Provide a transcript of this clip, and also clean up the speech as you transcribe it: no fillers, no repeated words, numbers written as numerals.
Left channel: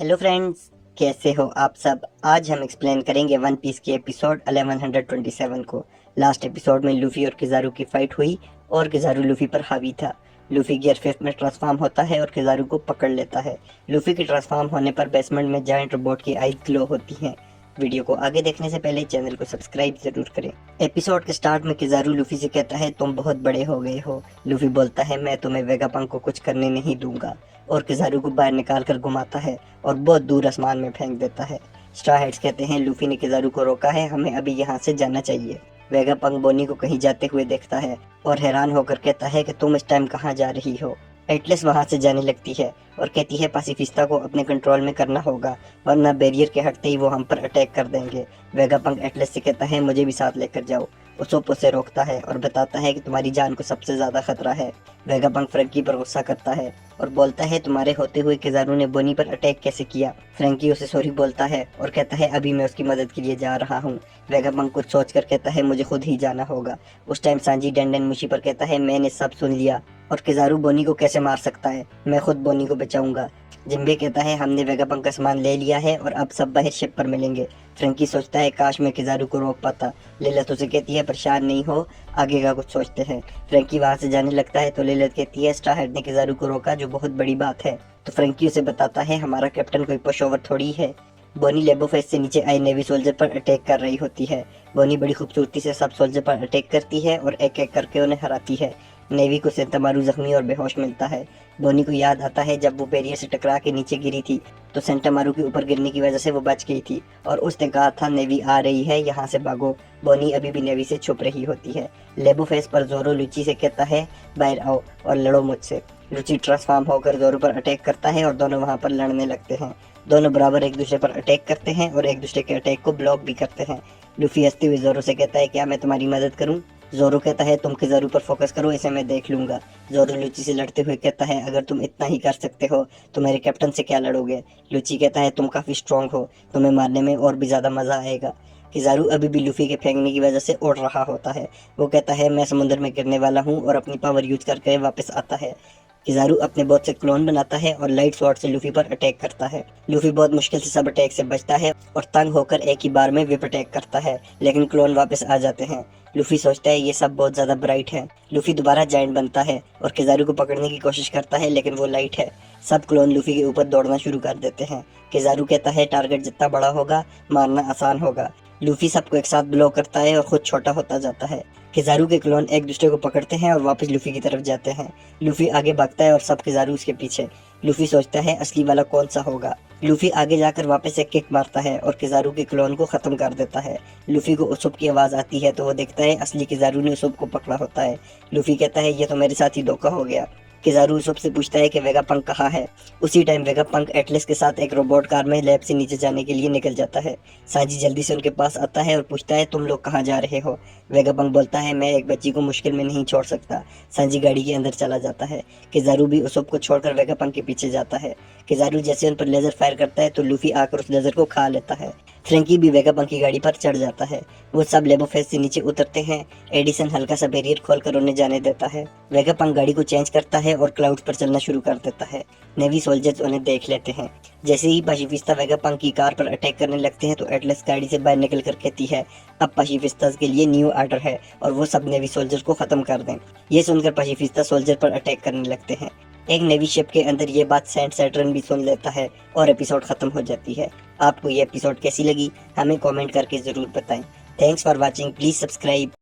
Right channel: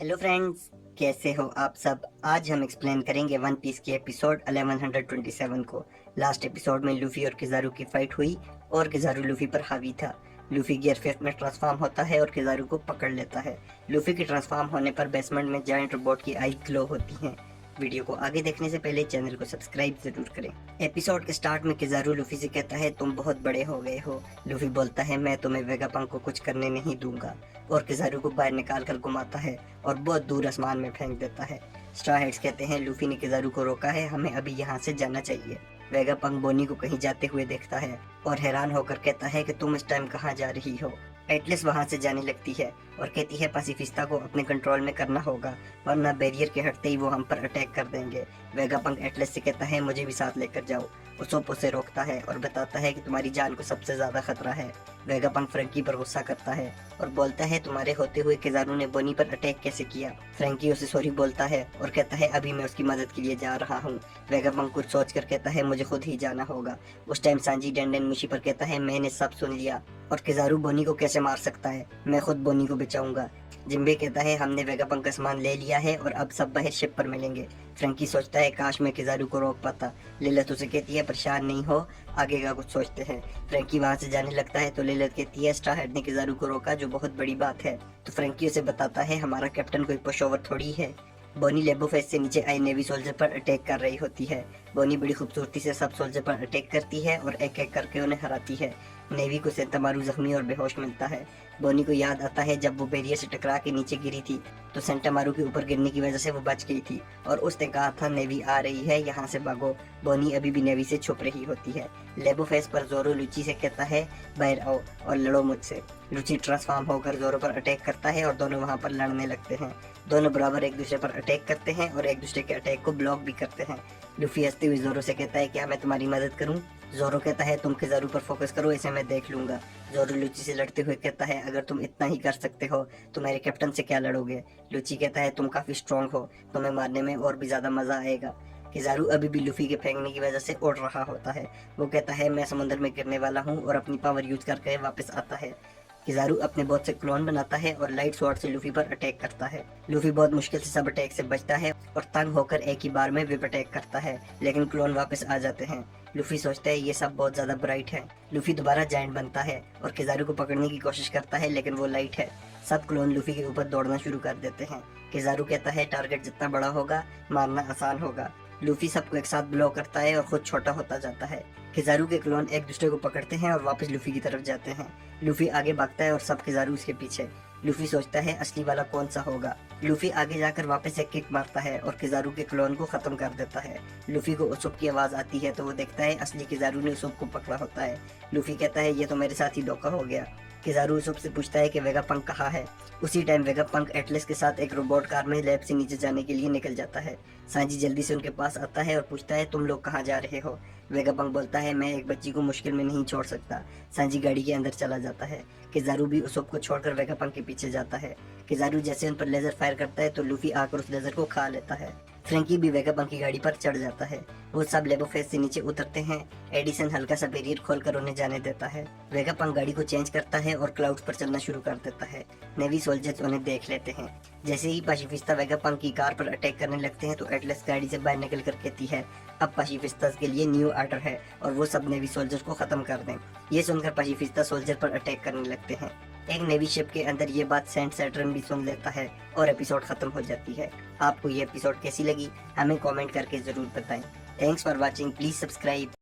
Hello friends, कैसे हो आप सब। आज हम एक्सप्लेन करेंगे वन पीस के एपिसोड 1127 को। लास्ट एपिसोड में लूफी और किजारू की फाइट हुई और किजारू लूफी पर हावी था। लूफी गियर 5 में ट्रांसफॉर्म होता है और किजारू को पकड़ लेता है। लूफी के ट्रांसफॉर्म होने पर बेसमेंट में जायंट रोबोट की आई ग्लो होती हैं। वीडियो को आगे देखने से पहले चैनल को सब्सक्राइब जरूर करें। एपिसोड के स्टार्ट में किजारू लूफी से कहता है तुम बहुत बड़े हो गए हो। लूफी बोलता है मैं तुम्हें वेगापंक को कुछ करने नहीं दूंगा और किजारू को बाहर निकाल कर घुमाता है और बहुत दूर आसमान में फेंक देता है। स्ट्रा हेड्स कहते हैं लूफी ने किजारू को रोका है, हमें अभी यहाँ से जाना चाहिए। वेगापंक बोनी को कहीं जाते हुए देखता है और हैरान होकर कहता है कि तुम इस टाइम कहाँ जा रही हो। एटलस वहां से जाने लगती है और कहती है पासिफिस्ता को अपने कंट्रोल में करना होगा वरना बैरियर के हटते ही वो हम पर अटैक कर देंगे। वेगापंक एटलस से कहता है मुझे भी साथ लेकर जाओ। उसोप उसे रोकता है और बताता है कि तुम्हारी जान को सबसे ज्यादा खतरा है। वेगापंक फ्रैंकी पर गुस्सा करता है और बोलता है तुम्हारे होते हुए किजारू ने बोनी पर अटैक कैसे किया। फ्रैंकी उसे सॉरी बोलता है और कहता है अभी मैं उसकी मदद के लिए जा रहा हूँ। वेगापंक कुछ सोच कर कहता है मुझे खुद ही जाना होगा। उस टाइम सांजी डंडन मुशी पर कहता है मैंने सब सुन लिया और किजारू बोनी को कैसे मार सकता है, मैं खुद बोनी को बचाऊंगा। जिम्बी कहता है हमने वेगापंक का सामान ले लिया है और अब सब बाहर शिप पर मिलेंगे। फ्रैंकी सोचता है काश मैं किजारू को रोक पाता। लिलत उसे कहती है परेशान नहीं हो, आगे का कुछ सोचते हैं। फ्रैंकी वहां से जाने लगता है तो लिलत कहती है स्ट्रा हेड ने किजारू को रोका जो बहुत बड़ी बात है। तो फ्रैंकी उसे बताता है हमारा कैप्टन कोई पुशओवर थोड़ी है। बोनी लेबो फेस से नीचे आई नेवी सोल्जर पर अटैक कर रही होती है। बोनी बड़ी खूबसूरती से सब सोल्जर पर अटैक करती है और एक एक करके उन्हें हराती है। नेवी को सेंटामारू जख्मी और बेहोश मिलता है। बोनी को याद आता है जब वो बैरियर से टकरा के नीचे गिरी थी तो सेंटामारू के ऊपर गिरने की वजह से वो बच गई थी और उसने कहा था नेवी आ रही है, यहाँ से भागो। बोनी अभी भी नेवी से छुप रही होती है। लेबो फेस पर जोरो लुची से कहता है बाहर आओ और लड़ो मुझसे। लुची ट्रांसफॉर्म होकर जोरो पर अटैक करता है और दोनों वहाँ पर लड़ने लगते हैं। दोनों बराबर एक दूसरे पर अटैक करते हैं और एक दूसरे के अटैक को ब्लॉक भी करते हैं। लूफी हंसते हुए जोरो से कहता है क्या मैं तुम्हारी मदद करूं। जोरो कहता है तुम किजारू पर फोकस करो, इसे मैं देख लूंगा। जोरो लुची से लड़ते हुए कहता है अगर तुम इतना ही कर सकते हो तो मेरे कैप्टन से क्या लड़ोगे। लुची कहता है तुम काफी स्ट्रांग हो, तुम्हें मारने में और भी ज्यादा मजा आएगा। किजारू अभी भी लूफी के फेंकने की वजह से उड़ रहा होता है। वो कहता है मैं समुद्र में गिरने वाला हूँ और अपनी पावर यूज करके वापस आता है। किजारू अपने बहुत से क्लोन बनाता है और लाइट स्वॉर्ड से लूफी पर अटैक करता है। लूफी बहुत मुश्किल से सब अटैक से बचता है और तंग होकर एक ही बार में विप अटैक करता है, लेकिन क्लोन वापस आ जाते हैं। लूफी सोचता है ये सब बहुत ज्यादा ब्राइट है। लूफी दोबारा जायंट बनता है और किजारू को पकड़ने की कोशिश करता है लेकिन वो लाइट है। सब क्लोन लूफी के ऊपर दौड़ना शुरू कर देते हैं। किजारू कहता है टारगेट जितना बड़ा होगा मारना आसान होगा। लूफी सबको एक साथ ब्लो करता है और खुद छोटा होता जाता है। किजारू के क्लोन एक दूसरे को पकड़ते हैं और वापस लूफी की तरफ जाते हैं। लूफी आगे भागता है और सब किजारू उसके पीछे। लूफी सोचता है असली वाला कौन सा होगा। लूफी आगे जाकर वापस एक किक मारता है और किजारू के क्लोन को खत्म कर देता है। लूफी को उसुप की आवाज आती है तो वो देखता है असली किजारू ने उसुप को पकड़ा होता है। लूफी कहता है ये तो मेरे साथ ही धोखा हो गया। किजारू उसुप से पूछता है कि वेगापंक कहाँ है। उसी टाइम वेगापंक एटलस के साथ एक रोबोट कार में लैब से नीचे जाने के लिए निकल जाता है। सांजी जल्दी से उनके पास आता है और पूछता है तुम लोग कहाँ जा रहे हो। वेगापंक बोलता है मैं एक बच्ची को मुश्किल में नहीं छोड़ सकता। सांजी गाड़ी के अंदर चला जाता है। किजारू भी उसुप को छोड़कर वेगापंक के पीछे जाता है। किजारू जैसे उन पर लेजर फायर करता है तो लूफी आकर उस लेजर को खा लेता है। फ्रैंकी भी वेगापंक की गाड़ी पर चढ़ जाता है। वो सब लेबो फेस से नीचे उतरते हैं। एडिसन हल्का सा बैरियर खोलकर उन्हें जाने देता है। वेगापंक गाड़ी को चेंज करता है और क्लाउड्स पर चलना शुरू कर देता है। नेवी सोल्जर्स उन्हें देख लेते हैं। जैसे ही पासिफिस्ता वेगापंक की कार पर अटैक करने लगते हैं तो एटलस गाड़ी से बाहर निकल कर कहती है अब पासिफिस्ता के लिए न्यू ऑर्डर है और वो सब नेवी सोल्जर को खत्म कर दें। ये सुनकर पासिफिस्ता सोल्जर पर अटैक करने लगते हैं। एक नेवी शिप के अंदर ये बात सेंट सैटर्न भी सुन लेता है और एपिसोड खत्म हो जाती है। आपको ये एपिसोड कैसी लगी हमें कमेंट करके जरूर बताएं। Thanks for watching, please subscribe.